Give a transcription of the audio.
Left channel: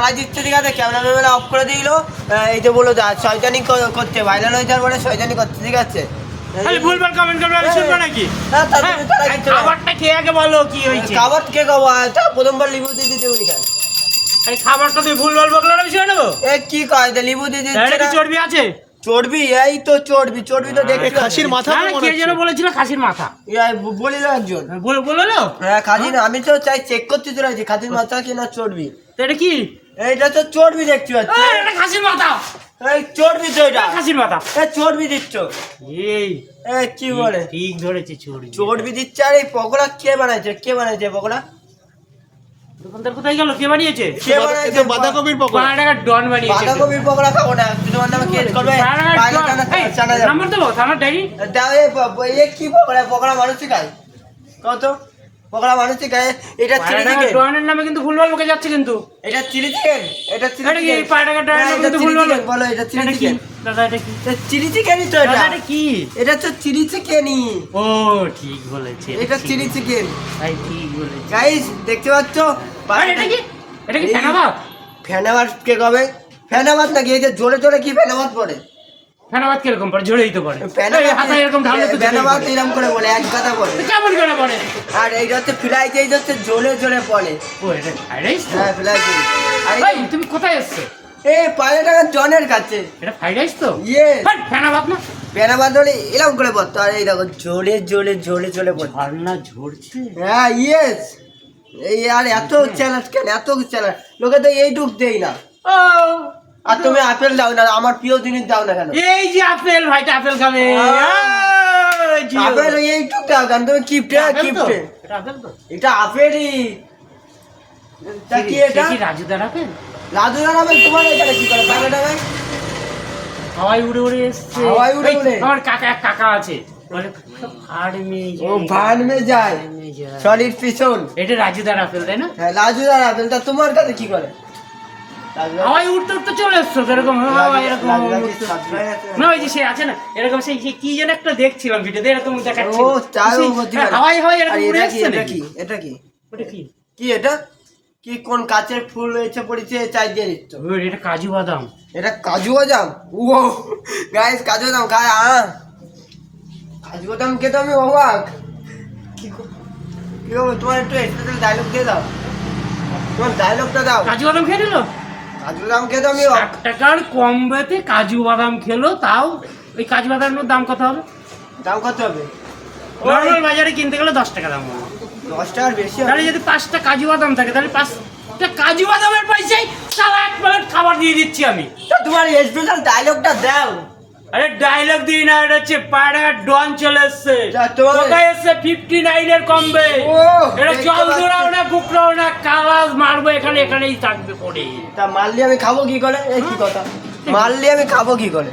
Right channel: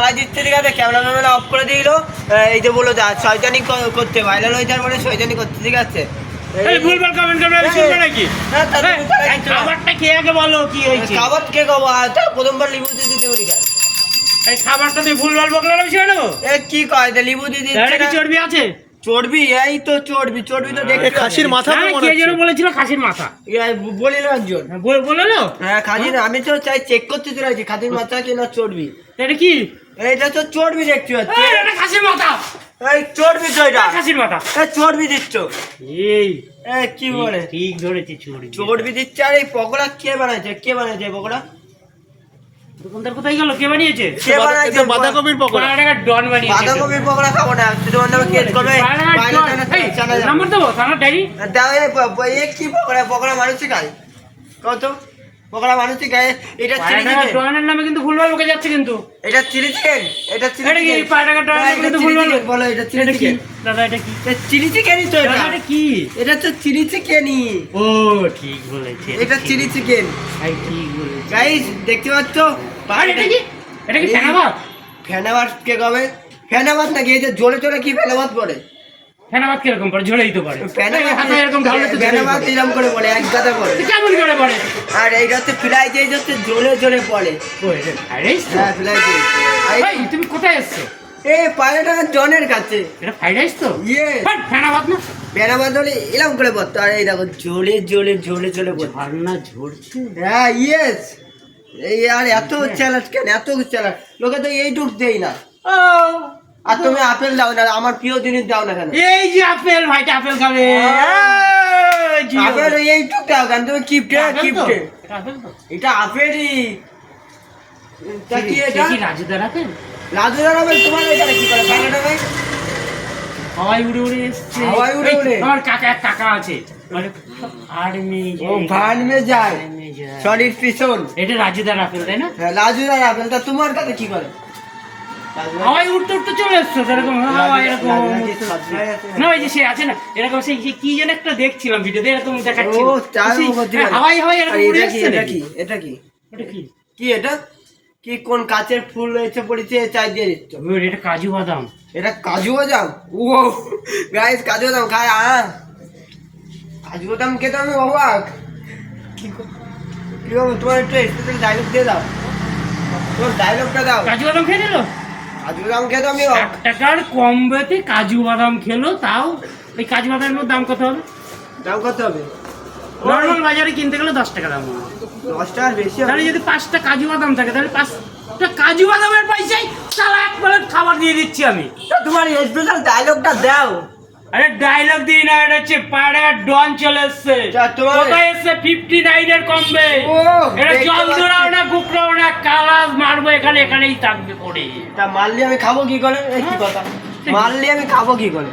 চালাই দিচ্ছে, ঠিক আছে, ক্যামেরা অফ করে দিল। এই যে বলো শয়তানি করতে, ভাইরাল হয়ে যাওয়ার পরে শয়তানি করতে, ঠিক আছে। ভুলভাল কমেন্ট করবে, আমি শুনবো নাকি? খাবারটা খেয়ে আগে বলো কি হয়েছে। খাবার কে খাবো? প্রথমবার লিবু দিয়ে দিতে বলি খাই। এই খাবারটা তুই ভুলভাল বকলে আমি শুনে নেবো। কি কয় লিবু দিয়ে দিচ্ছে? কি চর্বি আছে? চর্বি? এই তো চর্বি তো দেখতে খাসির মাথা কে যেন বলেছিল খাসির মাথা, বলিল একজন। বললো হ্যাঁ খাসির, আমি তো চাই চেক করতে চলেছি খাসির মাথা কি না চর্বি। এটা কি? এইটা তো চর্বি দেখতে পাচ্ছি। এটা খাসির মাথা। এই চর্বি তো এটা খাসির মাথা। চর্বি দিচ্ছ? এই কি বলে? ঠিক ধরেছে, চর্বি দিচ্ছে। আর এই পকোড়া কে বানাইছে পকোড়া? দোকানদার কোথায় গেল? কে বানিয়েছে? কে বানাইছে? বাঁধাকপির পকোড়া। ডন বানিয়েছে। বাঁধাকপির পকোড়া খাবো না, তোমার নামে কেস করবে। নাম্বার দেবো থানার ডায়েরি দাও। এই কি পকোড়া মানুষই খায়? কত পকোড়া মানুষই খায়? এটা চিলি চিকেন। ডনের নামে কিন্তু ভুলভাল বকে যাচ্ছে কিন্তু। এটা চিলি চিকেন, এটা চিলি চিকেন। এই পাটাকা ডনের নামে কিন্তু ভুলভাল বলো। এটা চিলি চিকেন দাদা। এটা কি? চিলি চিকেনই তো এটা। এটা কি? এটা তো চিলি চিকেনই। ও ঠিক বলেছে, এটা চিলি চিকেন। ভাই ঠিক বলেছে। গাইস দেখতে পাচ্ছ? এটা কি? এটা কি ফেনাবাদ? ফেনাবাদ কে কবে? ফেনাবাদ নাকি? এই যে জোরে জোরে কি ফেনাবাদ পড়ে? ফেনাবাদ কিরকম পড়ে? ঝরেই তো পড়ে। ফেনাবাদ এরকম করে বলে, এক গাদা পড়ে। কেমন করে পড়ে? আর এইটা হচ্ছে ফ্লাই, এই হচ্ছে জোরে জোরে পড়ে। ও এটা ফ্রাইড রাইস? হ্যাঁ ফ্লাই। ভাই তুমি কোথায় এসছো? এই 5 টাকা জনের কাছে। এটা ফ্রাইড রাইস তো? ইয়ে ফেনাবাদ না? ফেনাবাদ হলে এরকম করে পড়তো। আর এই দেখো জোরে জোরে জোরে জোরে পড়তো। ঝর্ণা ঝরছে। হ্যাঁ ইয়েস। এই আর এত চ্যালেঞ্জ কেন? এত চ্যালেঞ্জ লোকে তো এইটুক দেই না। ও আর তুমি আপেল দাও না, আমার প্রিয় জিনিস দাও না কেন? এই যে আপেল, ভাইটা আপেল খাবে। আপেল এইটুক দাও কেন? তুমি কিপটে। এটা আপেল তো? এটা আপেলই। তা কি এটা? কি রাজুদার আপেল? রাজুদার আপেল তোমার এখানে কি করে? বাংলাটা ভাই হাওয়াই উড়ে উড়ে এসছে। হাওয়াই উড়ে উড়ে? আমার এক কাকা আছে, মানে ফার্মে যায় শরীর পিছন। এটা রাজুদার আপেল তাই না? হ্যাঁ রাজুদার আপেল। তা তোমার কাছে কি করে? হাওয়াই উঠতে উঠতে চলে এসছো এরকম। হাওয়াই এরকম না, ওই যে সে আছে না এরকম, সেই যে কি যেন একটা দেখছিলাম ভিডিওতে এরকম দেখাচ্ছিল। হাওয়াই এরকম উড়ে এসছে। এটা কি? ওটা কি? কি এটা? কি কোন কাচের ফুল এসে পড়েছে চাই দিয়ে দিচ্ছ? এটা কাজু বাদাম। এটা কাজু বাদাম? ও গাইস কাজু বাদাম খায়? কাজু বাদাম খেতে আমি অবাক। কি হবে? তোমার একটু স্পেশাল ডায়লগ দিয়ে দাও, তোমার ডায়লগটা দাও। কাজু বাদাম খেয়ে নিল? কাজু বাদাম খেতে আমি 1 টাকার কম বেতে কাজু বাদাম খেলো, তাও ওই কাজু বাদামের দাম কত হবে? দাম কত হবে? নর্মাল বাজারে কিনতে গেলে 10 টাকা দাম হবে। 10 টাকার বেশি হবে। তাহলে যদি 5টা কাজু বাদাম থাকে তাহলে 5টা কাজু বাদামের পয়সায় সারা 1 প্লেট খাবার দিয়ে দিচ্ছি আমি। তা তোমার স্পেশাল ডায়লগটা দাও। আরে ডায়লগ দিই না, এটা হচ্ছে পায়রা ডন চলে এসছে। কোথায় এসছে? 59 এর কমবে। এটা জল দৌড়াও না, বুকরাও না, কালাজ মারবো এখানেই থাকবে পড়ে। তা মারলে আমি খাবো কি করে? এই কি কথা? মারলে আমি খাবো কি করে?